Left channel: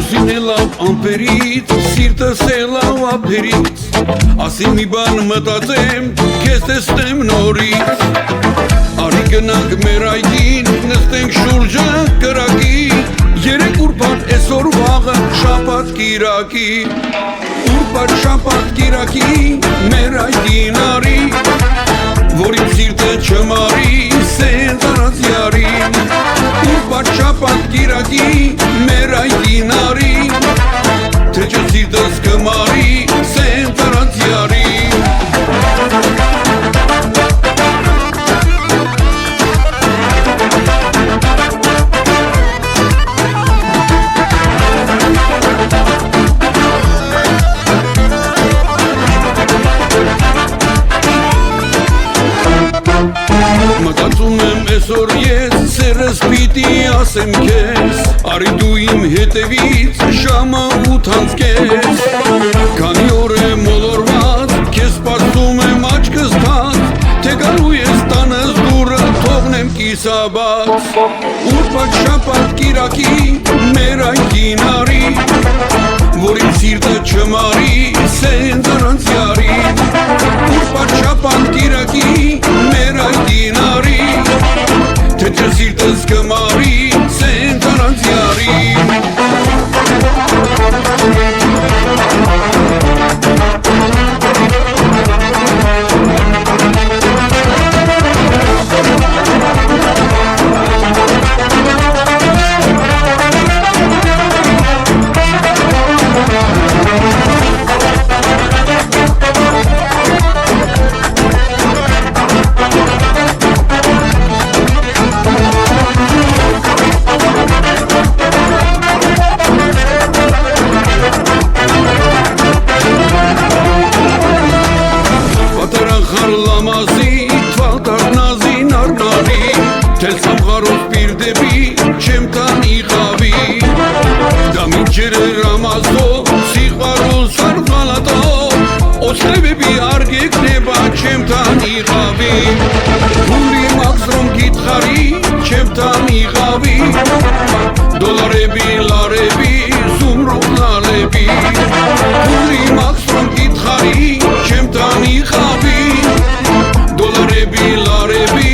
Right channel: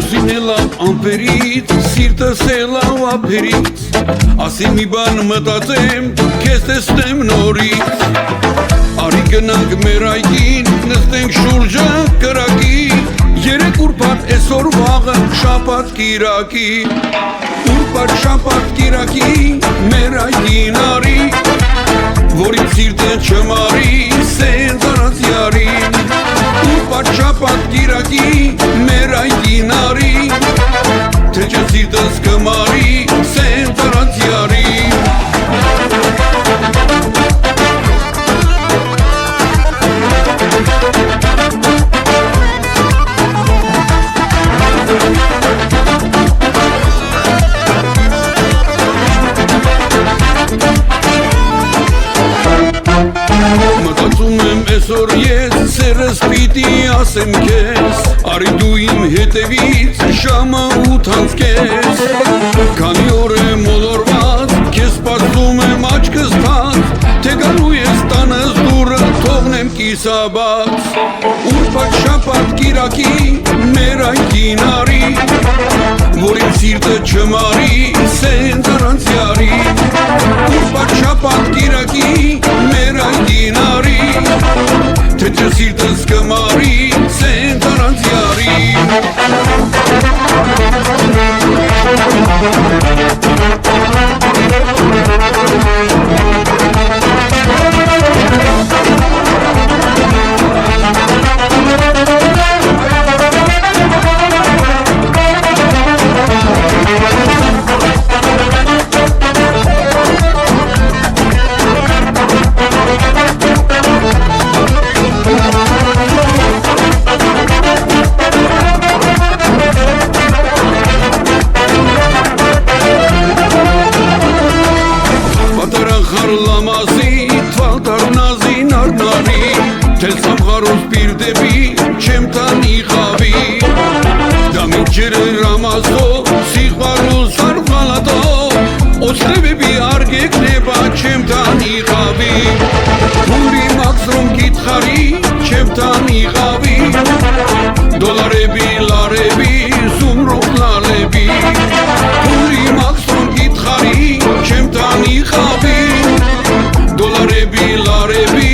Լուսին է լավ ամպերից, սիրտս է լավ ափերից, ասի մի բան մտածեմ, քեզ տեսնեմ նորից։ Արի գնանք մեր այգին, նստենք շուրջը կրակի, երեք ուրբաթ այսօր վաղը շաբաթ կիրակի, ուրբաթ շաբաթ կիրակի, մեր այգին արի, որ իմ սիրտը չմարի, սենց առած յարին, ուրբաթ շաբաթ կիրակի, մեր այգին արի, թե չէ սիրտս կմարի, սենց առած յարին։ Մտածում եմ այսօր ես, սերս պիտի ասեմ քեզ, արի դու իմ հետևից ժամը 8 անցկես, քանի օր է մոլորված, քեզ սպասում եմ աչքս թած, թե գալու ես տանս դուռը թողնեմ կիսաբաց, ուրբաթ շաբաթ կիրակի, մեր այգին արի, որ իմ սիրտը չմարի, սենց առանց յարին, ուրբաթ շաբաթ կիրակի, մեր այգին արի, թե չէ սիրտս կմարի, սենց առանց յարին։ Պատրախար լամազի, թվալտար նազին արնարի, թել սամղարոս բիր դեպի, չեմ տանի խավի, դամիջերը ռամազո, սիղվարոս արվալատո, օսխրեբի արգեք նեբա, չեմ տանի խավի, հուլի մաքսրոմ գիտխարի, չեմ տանի խավի, դոլարեբի, լարեբի, զումրոք լալեբի, հուլի մաքսրոմ գիտխարի, չեմ տանի խավի, դոլարեբի, լարեբի,